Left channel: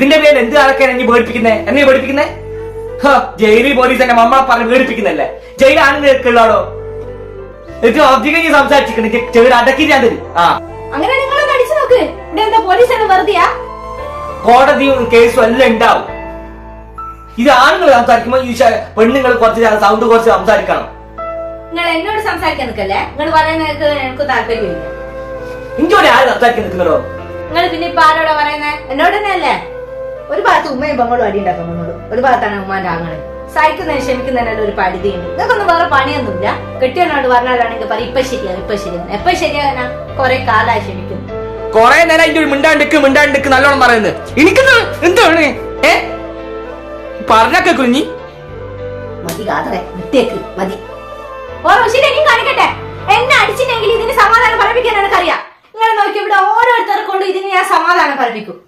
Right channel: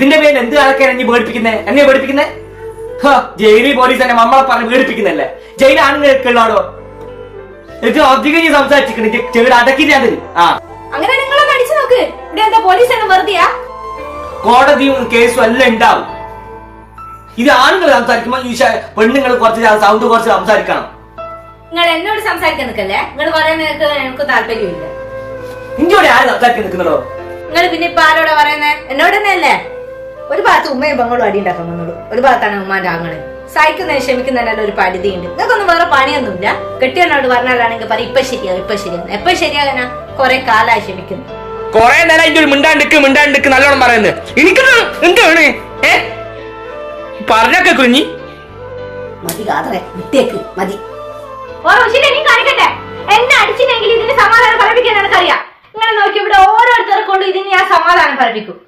ഇതിന്റെ പേരിൽ എന്ത് ആൾക്കാരെ നീ പേടിപ്പിക്കുന്നേ? എന്നെ പേടിപ്പിക്കുന്നേ? ജയിലിൽ പോലീസ് തന്നെ നമ്മളെ പറഞ്ഞ് പേടിപ്പിക്കുന്നല്ലേ? ജയിൽ ആണുങ്ങൾക്കുള്ളാടോ? എനിക്ക് അധികം നീ സംസാരിച്ചിരിക്കണേ, ചെവിട് അടക്കില്ല തരും. അങ്ങനെ നിങ്ങളൊന്ന് അടിച്ചു നോക്ക്. ഇവിടെ എന്താ പോലീസ് വെറുതെയാ? കോടതിയും കേസും എല്ലാം ഉണ്ടാവും. ഇത് ആണുങ്ങൾ സംസാരിക്കുമ്പോ ഈ പെണ്ണുങ്ങൾ കുറച്ച് സൗണ്ട് കുറച്ച് സംസാരിക്കണം. നിങ്ങൾ എന്നോട് സംസാരിക്കാൻ നിൽക്കല്ലേ? നിങ്ങൾ പറയുന്നത് എനിക്ക് താല്പര്യമില്ല. ഇങ്ങോട്ട് ആര് സംസാരിക്കാൻ നിൽക്കുന്നോ? നിങ്ങൾ പിന്നെ ഇപ്പൊ ആരോടാ പറയുന്നേ? എന്നോട് തന്നെ അല്ലേ? ഒരു ഭാഗത്ത് ഉമ്മയും പെങ്ങളും അടി ഉണ്ടാക്കാൻ വന്നുള്ളൂ, ഒരു ഭാഗത്താണ് ഉമ്മാന്റെ ആങ്ങള്. സഹിക്കുന്നതിന് ക്ഷമിക്കുന്നതിനല്ല ഒരു പരിധിയുണ്ട്. നിങ്ങൾക്കൊന്നും വേറെ പണിയൊന്നുമില്ല. കെട്ടിയനോട് പറഞ്ഞാലാണെങ്കിൽ പറയും ഇപ്പൊ ശരിയാകും, ഇപ്പൊ ശരിയാകും. എപ്പൊ ശരിയാകാനാ? കൊറേ കാലമായി ക്ഷമിക്കുന്നു. കൊറേ നേരം അതിന്റെ ഒരു മിണ്ടാണ്ടിക്ക് നല്ലോണം പറയുന്നത്. എനിക്ക് എന്താണ് പറഞ്ഞൊക്കെ കുഞ്ഞി മതി കാതറെ വിട്ടേക്ക് മതി. ഓരോ ശരിയും കാണിക്കട്ടെ. എന്നെ അടിച്ചില്ലെങ്കിൽ ഇതിന് സമാധാനം പറയിപ്പിക്കാൻ എനിക്കറിയാം. ഇങ്ങനെ നോക്കി ഇവിടെ ഓരോരുത്തരെ കൊണ്ട് ഇതിന് ഞാൻ സമാധാനം പറയിപ്പിക്കും.